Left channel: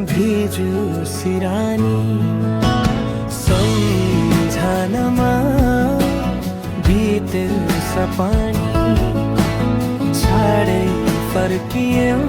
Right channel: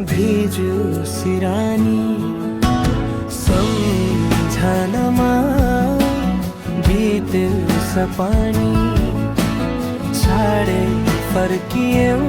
भिज्यो सिरानी सम्झनामा बित्यो सपानी छाडे फर्कियौ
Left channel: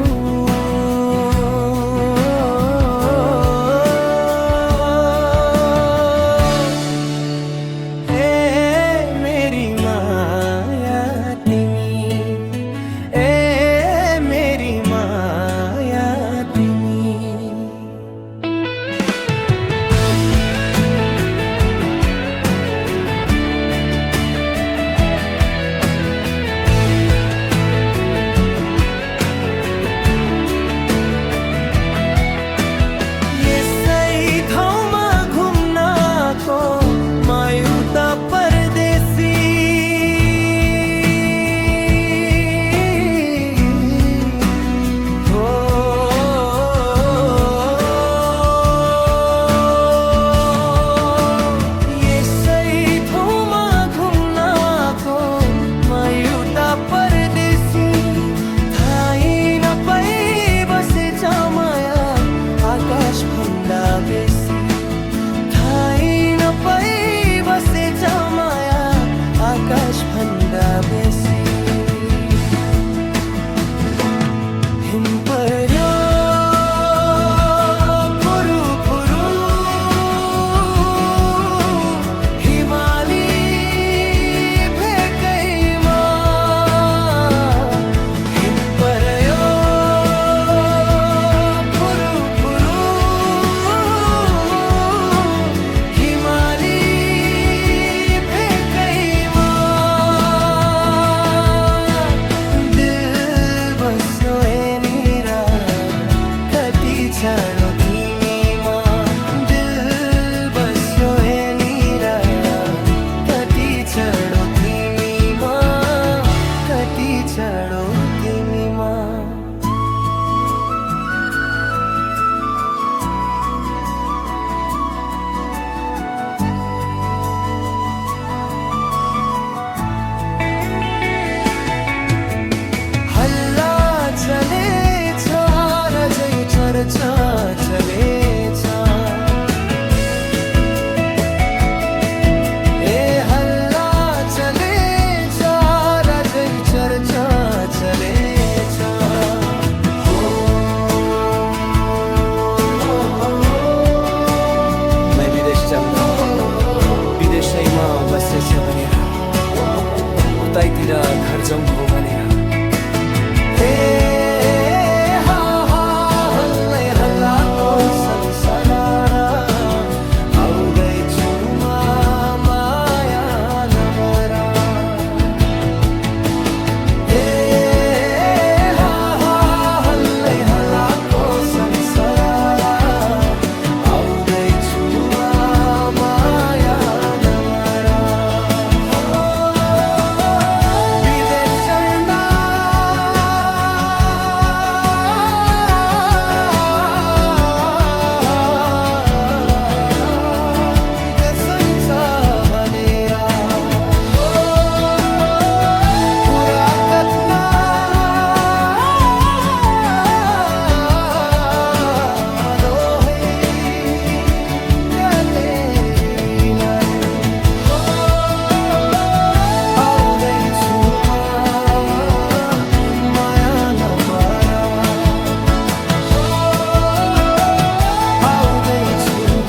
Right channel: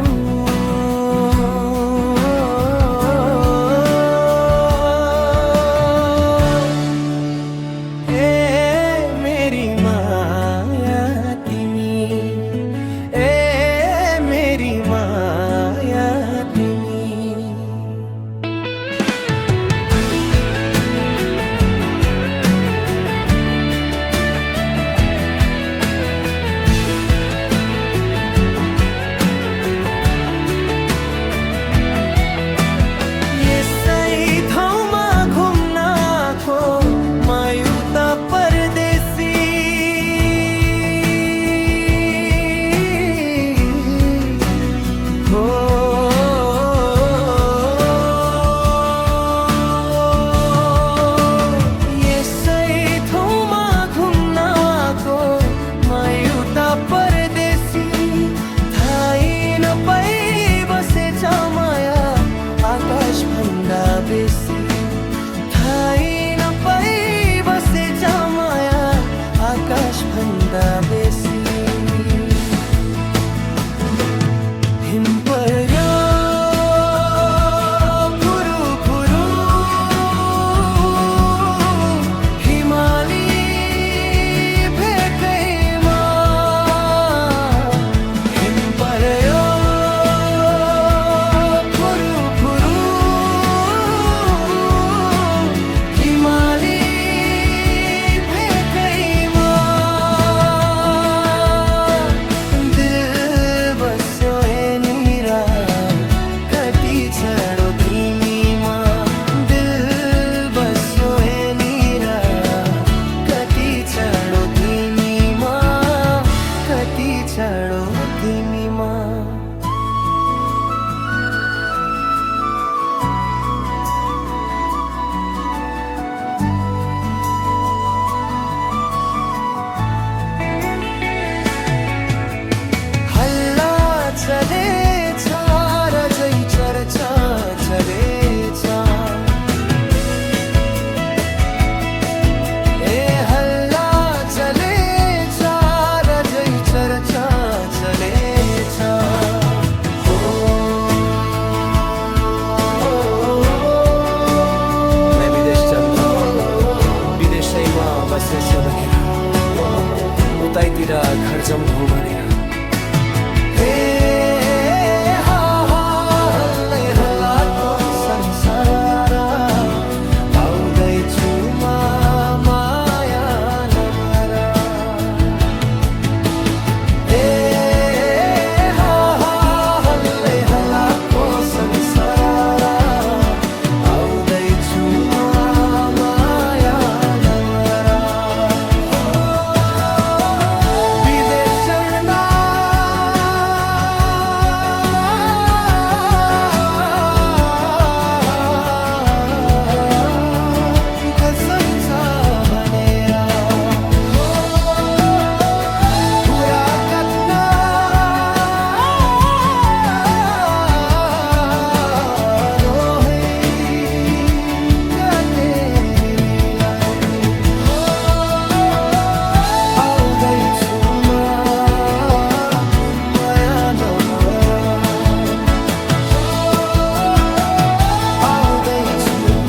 परदेसी हो यसै ठाउँमा घुम्न आएको म एउटा परदेशी थाहै नपाई बसेछ माया आकाश भन्दा बेसी थाहै नपाई बसेछ माया आकाश भन्दा बेसी हिम पर्यो फुरु फुरु हिमाली भेकैमा हिम पर्यो छाडो तिमीमा दिल बस्यो यहाँनिर कति छाडो तिमीमा कति छाडो तिमीमा हल्ला चलेछ चर्चा चलेछ ए हल्ला चलेछ रजै चर्चा चलेछ मैं विदेश जाँदा विदेशैमा बसेछ भनेर उतैतिर घर जम्भो भनेर संसार आउँदैछु माया नमरा हल्लै हल्लाको संसार आउँदैछु माया नमरा विदेश true.